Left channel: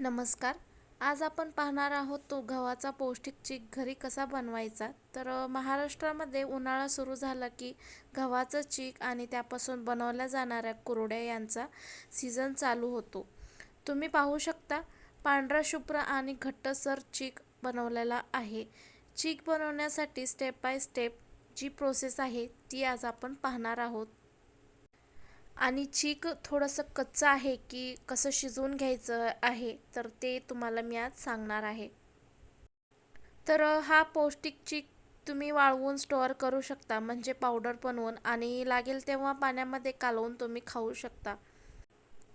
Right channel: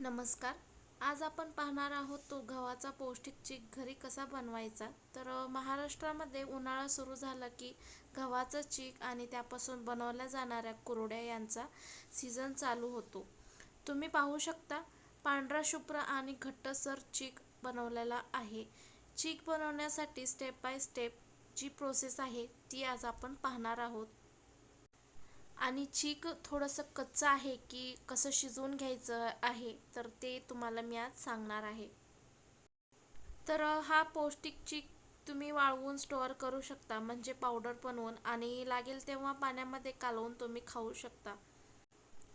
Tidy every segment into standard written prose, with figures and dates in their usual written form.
नमस्कार. आज आपण पाहणार आहोत तो गव्हाचा पौष्टिक चीक घरी कसा बनवायचा. महाराष्ट्रामध्ये उन्हाळा सुरू झाला की गव्हाचं चीक आणि त्यापासून बनवल्या जाणाऱ्या कुरड्या यांचा सीझन चालू होतो. तुम्ही पाहू शकता पांढरा शुभ्र आणि घट्टसर चीक बनवलेला आहे. चीक बनवण्यासाठी स्टेप बाय स्टेप जी प्रोसेस आहे ती आज आपण पाहणार आहोत. आणि चीक थोडंसं कच्चं आहे की कसं शिजवून घ्यायचं आहे तर ते तुम्हाला मी आज सांगणार आहे. हा पौष्टिक चीक तुम्ही वाळवून स्टोअर करू शकता, म्हणजे पावडर बनवून, आणि लागेल तेव्हा पाण्यामध्ये कालवून तुम्ही खाऊ शकता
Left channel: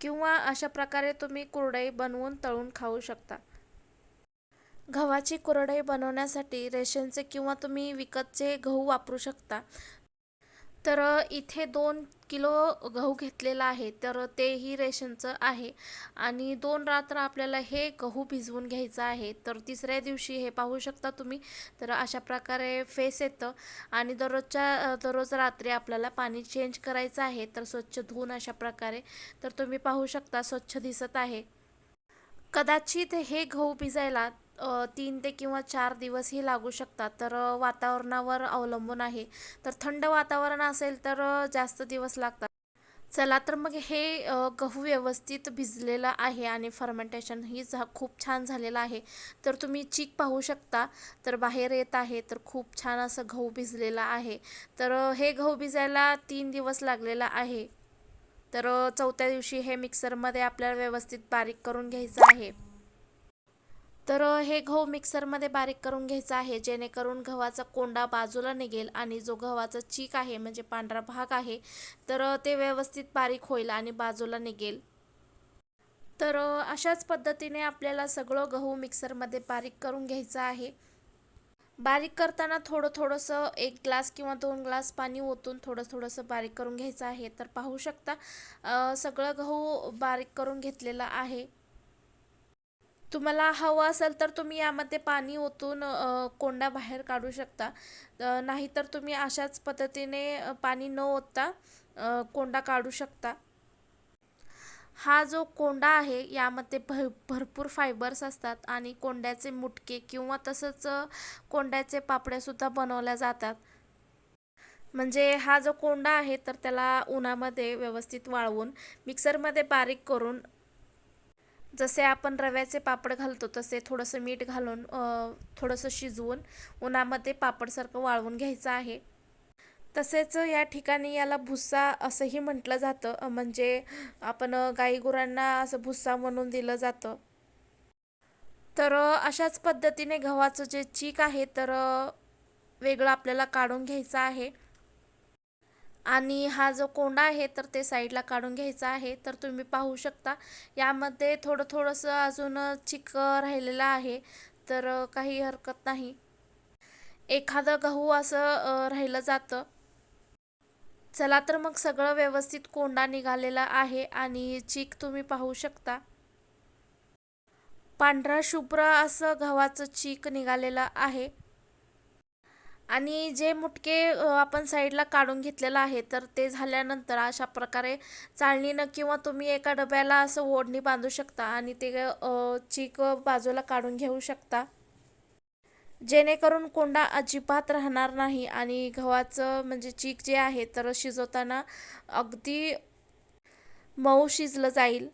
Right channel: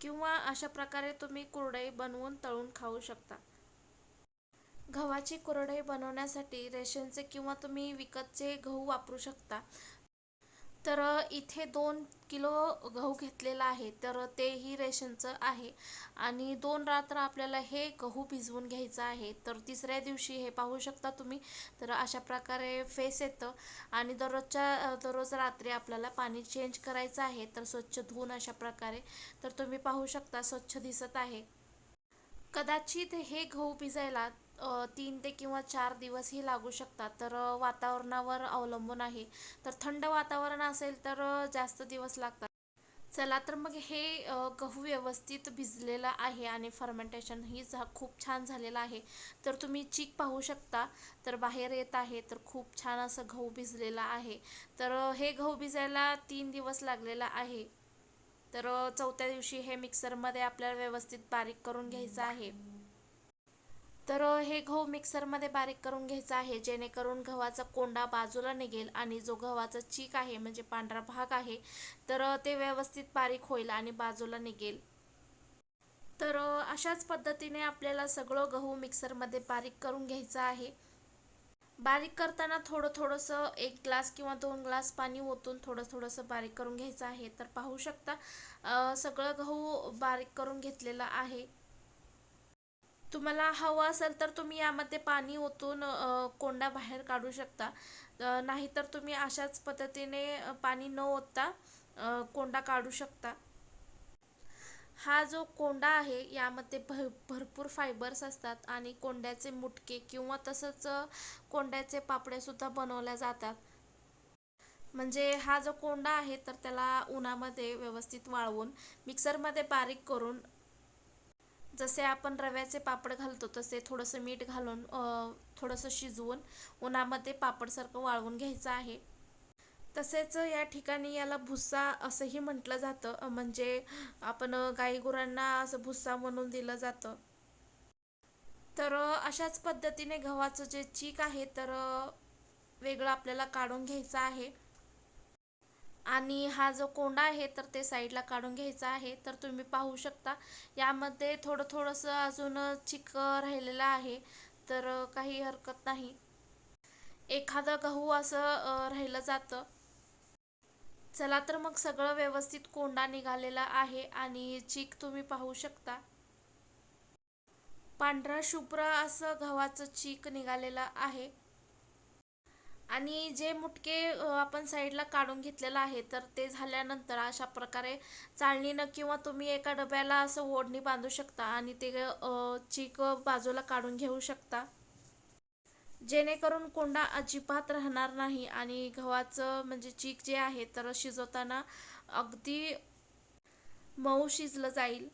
किंवा अशा प्रकारे तुम्ही कुरडई बनवून तळून खाऊ शकता. गव्हाची कुरडई बनवण्यासाठी रेशनचे किंवा तुम्ही विकतचे गहू वापरू शकता. इथे 2 किलो गहू घेतलेला आहे, तर तेही रेशनचं आहे. आणि 2 रात्र आपल्याला हे गहू भिजवून घ्यायचं आहे. तर तिसऱ्या दिवशी हे पाहू शकता तुम्ही, तर अशा प्रकारे फेस येतं. आणि दररोज रात्री आपल्याला पाणी चेंज करायचं आहे, तर स्वच्छ धुवून अशा प्रकारे. तर तुम्ही पाहू शकता स्वच्छ दिसत आहे. कदाचित हे गहू भिजायला 3 ते किंवा 4 दिवसही लागू शकतात. वातावरणावर अवलंबून आहे. थंड वातावरण असेल तर जास्त दिवस लागतात. चला तर मग हे गहू व्यवस्थित भिजलेला आहे आणि फर्मेंटेशनही खूप छान झालेलं आहे. तर तुम्ही चीक पाहू शकता, तर बाहेर येत आहे. तर खूप छान असं गहू भिजलेला आहे. हे गहू भिजायला 3 दिवस लागलेला आहे. चौथ्या दिवशी हे मिक्सरमध्ये आपल्याला व्यवस्थित बारीक करून घ्यायचं आहे. हे गहू मिक्सरमध्ये बारीक करून घ्यायचं आहे, जेणेकरून गव्हाचा कोंडा बाजूला निघेल आणि जो गव्हाचा चीक आहे, म्हणजे पांढरा भाग आहे, ते व्यवस्थित बारीक होईल आणि बाजूला निघेल. अशाच पद्धतीने आपल्याला सगळं गहू मिक्सरमध्ये बारीक करून घ्यायचं आहे. बारीक करताना थोडंसं 1 ग्लास किंवा 2 ग्लास पाणी ओतून थोडंसं बारीक करून घ्यायचं आहे. तर पाहू शकता सगळं गहू बारीक करून घेतलेलं आहे. तुम्हाला हवं असेल तर तुम्ही यामध्ये पाणी ओतून कोंडा बाहेर काढू शकता. नाहीतर तुम्ही अशाच पद्धतीने पाणी न ओतता कोंडा काढू शकता. हा जो कोंडा आहे यामध्ये भरपूर फायबर्स असतात आणि कोंड्याचे मुटके किंवा तसंच कोंड्याचे पापड्यासुद्धा बनवल्या जातात. म्हणजे हा जो कोंडा आहे तर त्याला उन्हामध्ये व्यवस्थित वाळवून मिक्सरमध्ये बारीक करून, जसे आपण रव्याचे पापड घालतो तसे थोडंसं मीठ घालून थोडंसं शिजवून उन्हामध्ये पापडसारखं वाळवून घ्यायचं आहे. तसेच या ठिकाणी याला भुस्सा असंही म्हटलं जातं. म्हणजे आपण गाईगुरांना असं भुस्सा म्हणून दिलं जातं. अशाच पद्धतीने गव्हाचं जे चीक आहे वेगळं आपल्याला काढून घ्यायचं आहे. आणि हा जो कोंडा आहे तर ते साईडला काढून घ्यायचा आहे. तर तुम्ही पाहू शकता यामध्ये थोडंसं अजून चिक राहिलेलं आहे. काही हरकत नाही. एखादं गहू असं राहिलं जातं. चला तर मग सगळं व्यवस्थित कोंडा निघालेला आहे आणि चीक तुम्ही पाहू शकता. पांढरा शुभ्र असं गव्हाचं चीक निघालेलं आहे. आणि जे मुटके आपण साईडला काढून घेतलेलं आहे तर ते झाल्यानंतर अशा प्रकारे चाळणीनं किंवा तुम्ही एका डब्याला असं ओढणी बांधू शकता आणि ते चीक बाजूला काढून घेऊ शकता, जेणेकरून कोंडा अजिबात राहणार नाही आणि गव्हाचं म्हणजे चीक जे आहे तर शिजवताना अगदी मऊ शिजलं जाईल.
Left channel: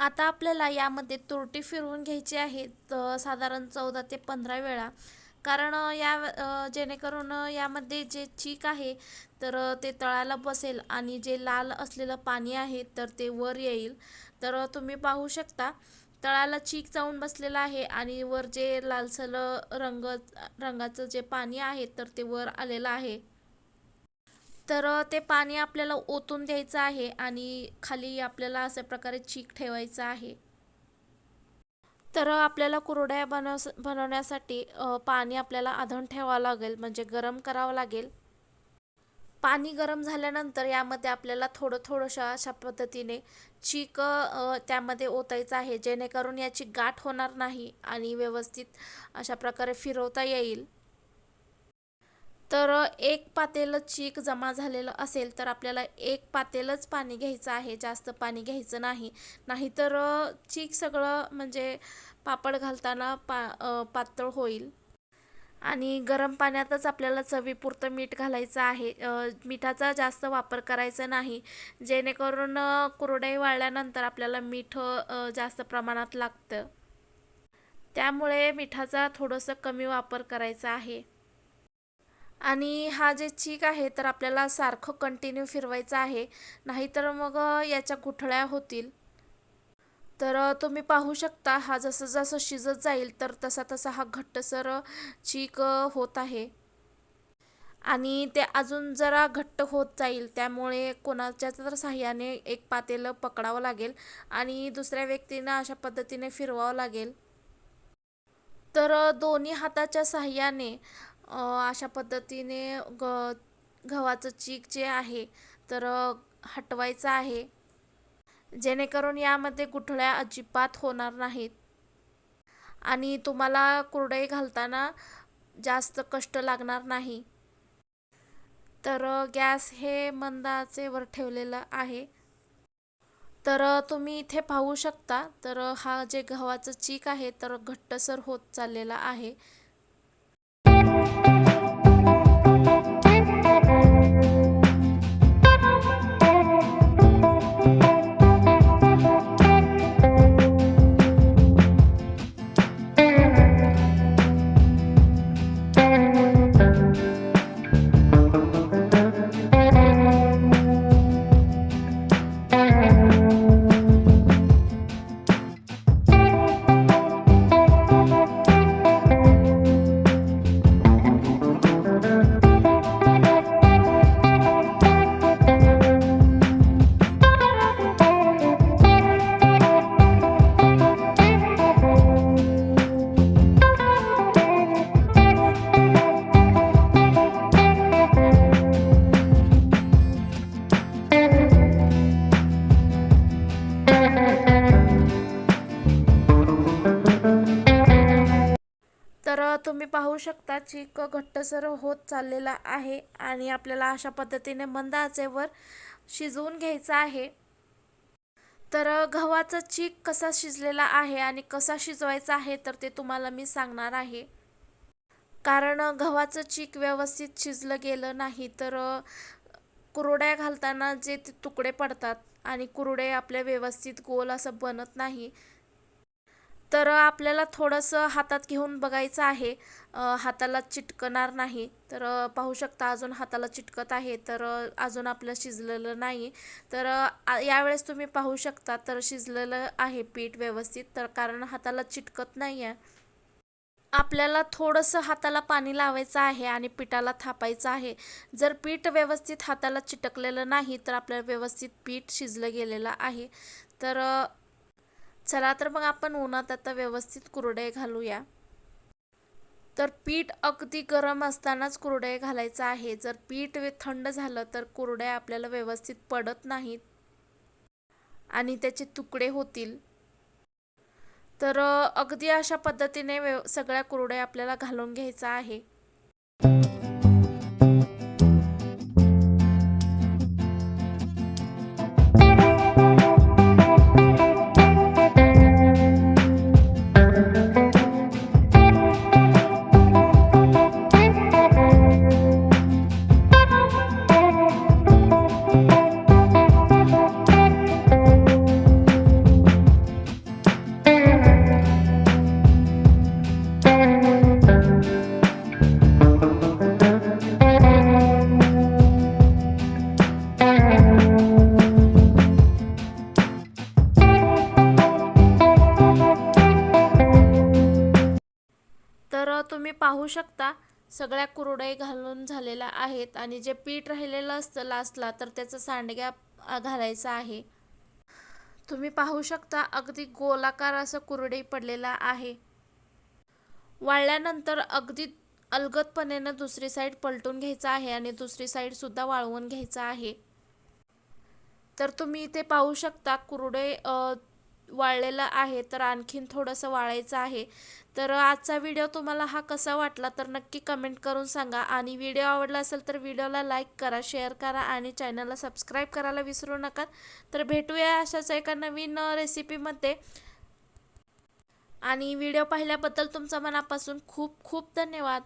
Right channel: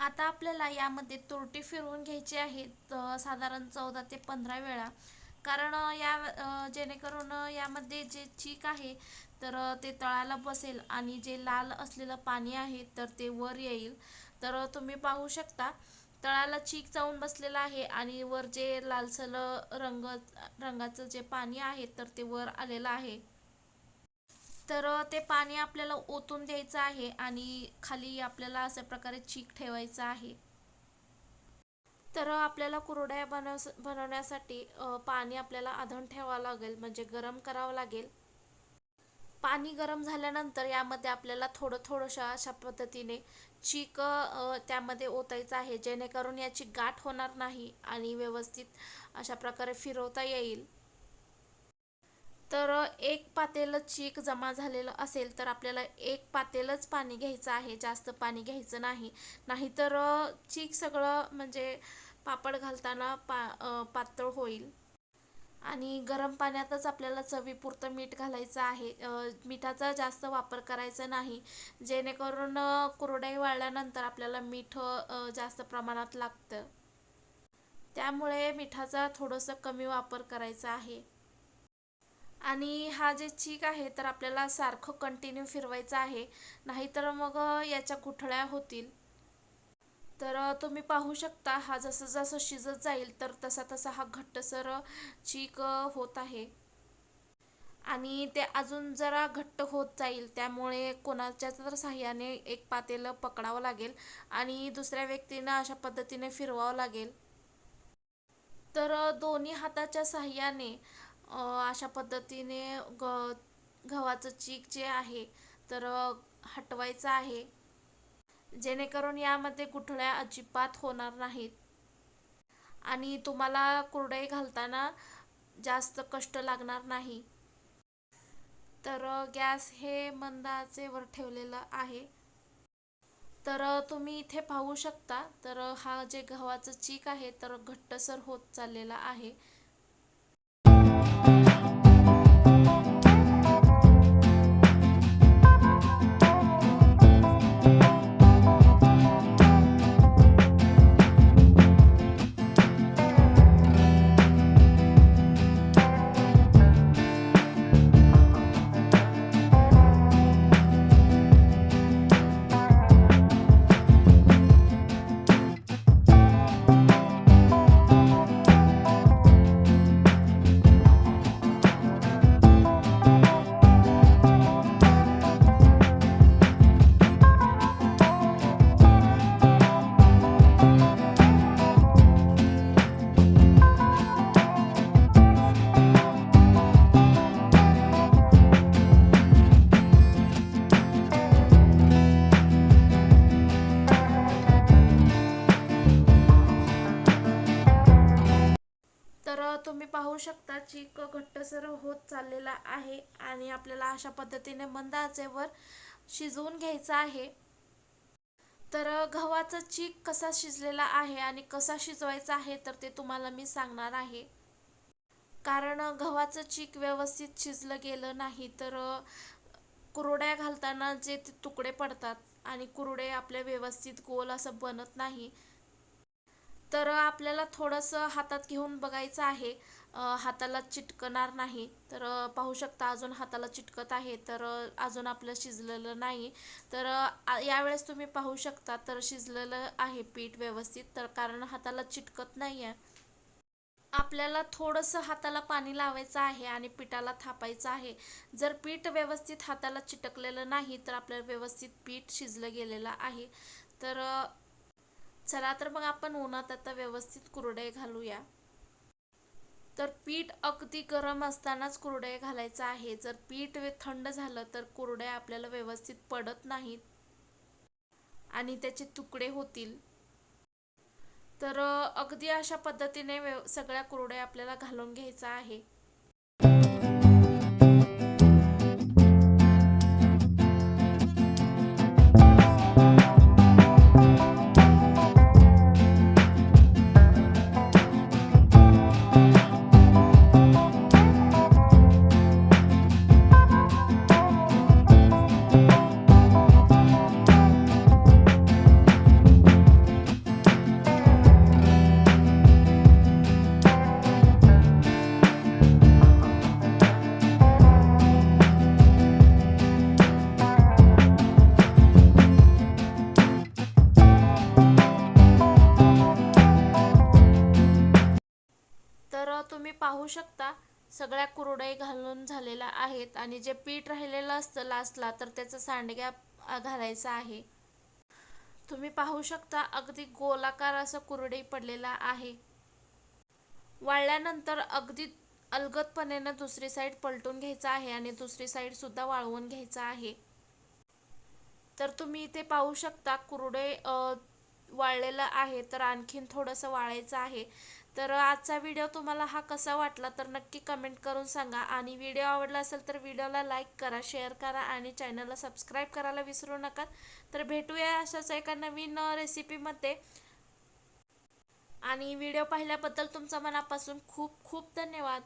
आता आपल्याला यामध्ये तुरटी फिरवून घ्यायची आहे, साधारण 14 ते 15 वेळा. कारण जेणेकरून यामध्ये जे चीक आहे तर ते तळाला बसेल आणि जे लाल असलेलं पाणी आहे तर ते वर येईल. तर तुम्ही पाहू शकता तळाला चीक जाऊन बसलेला आहे आणि वर जे लालसर रंगाचं जे पाणी आहे तर ते वर आलेलं आहे. तर ते पाणी आपल्याला ओतून द्यायचं आहे आणि खाली आपल्याला अशा प्रकारे चीक ठेवायचा आहे. तर आपल्याला कुरडया बनवण्यासाठी पाणी आपल्याला आधण ठेवावं लागेल, म्हणजे गरम करावं लागेल. पाणी गरम झाल्यानंतर यामध्ये आपल्याला थोडंसं अशा पद्धतीने चीक त्यामध्ये ओतायचं आहे, जेणेकरून याची गाठ होणार नाही आणि व्यवस्थित अशा प्रकारे फिरवता येईल. तर एक पातेलं चीक जमा झालेलं असेल तर आपल्याला एक पातेलंच पाणी घ्यायचं आहे, जास्त पाणी घ्यायचं नाही. नाहीतर चीक सगळं म्हणजे पापड घालताना पातळ होईल. आणि गरम पाण्यातच आपल्याला चवीपुरतं मीठ घालायचं आहे. मिठाचा जास्त वापर करायचा नाही, जेणेकरून कुरडई वाळल्यानंतर आपल्याला मीठ जास्त प्रमाणात लागतं. त्यामुळे मिठाचा थोडंसं कमी वापर करायचा आहे. आणि हा जे चीक आहे तर आपल्याला सारखं कंटिन्यू फिरवायचं आहे, नाहीतर मग याच्या गुठळ्या होतील. तर तुम्ही पाहू शकता हा जसं जसं शिजत जाईल तर तसा तसा हा घट्टसर चीक होत आहे आणि ते अजून जरा घट्ट होत जाईल. त्यामुळे कोणाच्या तर साह्याने एक पातेलं पकडावं लागेल आणि दुसऱ्या व्यक्तींना अशा पद्धतीने फिरवावं लागेल. तर दोन्ही हाताच्या साह्याने अशा पद्धतीने गव्हाचं चीक जे आहे तर हटवायचं आहे, जेणेकरून यामध्ये गुठळ्या अजिबात होणार नाहीत आणि तुम्हाला कुरडई घालताना जास्त कष्ट लागणार नाही. तर गॅस हे मंद आचेवर ठेवलेलं आहे. तर तुम्ही इथे पाहू शकता तर हा जे गव्हाचं चीक आहे तर घट्टसर होत चाललेला आहे. तर तुम्ही पाहू शकता चीक घट्टसर होत चाललेला आहे आणि आपल्याला अशा पद्धतीने मंद आचेवर शिजवून घ्यायचं आहे. तर गव्हाचा चीक कसा शिजलेला आहे आणि कसा शिजवायचा आहे तर ते तुम्हाला मी सांगणार आहे. कारण गव्हाचं चीक व्यवस्थित शिजलं गेलं नाही तर कुरड्या घालताना जे ते तुकडे पडतात आणि कुरडे आपल्या व्यवस्थित गोल असं बनत नाही. तर आपल्याला थोडंसं हातात घेऊन बघायचं आहे, हाताला चिटकणार नाही. तर पाहू शकता अजून हाताला चिटकत आहे, तर अजून आपलं शिजलेलं नाही. तर यावेळेस तुम्ही पाहू शकता तर शिजलेलं आहे पीठ व्यवस्थित, तर कारण हाताला चिटकत नाही आहे. आपल्याला थोडंसं हाताला पाणी लावायचं आहे आणि पिठाला थापायचं आहे. जर पीठ व्यवस्थित हाताला चिटकलेलं नाही तर आपल्याला व्यवस्थित पीठ शिजलं गेलेलं आहे. तर चला तर मग आपण उन्हात आता व्यवस्थित कुरडे घालूया. तर पीठ अगदी गरम असतानाच कुरडे घालायचं आहे. जर पीठ थंड झालं तर कुरड्या आपल्याला व्यवस्थित पडत नाहीत आणि त्याचे तुकडे होतील. तर अगदी अशा पद्धतीने सगळ्या कुरड्या आपल्याला घालून घ्यायचा आहे. तुम्ही पाहू शकता सगळ्या कुरडई घालून झालेल्या आहेत आणि जे पीठ राहिलेलं असतं लास्टला तर त्याचं सांडग्या घालायचा आहे. तुम्ही पाहू शकता अगदी गोलाकार असं कुरडई पडलेला आहे. वाळल्यानंतर अगदी अलगदपणेनं दुसरी साईड पलटून घ्यायचा आहे आणि दुसरी साईड सुद्धा वाळवून घ्यायचा आहे. तर तुम्ही इथे पाहू शकता कुरडई वाळलेलं आहे, तर आणखीन थोडंसं वाळायचं आहे. तर आजचा व्हिडिओ तुम्हाला हा कसा वाटला तर नक्की कमेंट करून सांगा आणि व्हिडिओ आवडला असेल तर व्हिडिओला लाईक करा, शेअर करा आणि चॅनलला सबस्क्राईब करायला विसरू नका. तर भेटूया अशाच एका नवीन रेसिपीमध्ये. आणि व्हिडिओ पाहिल्याबद्दल तुमचा मनापासून खूप खूप धन्यवाद.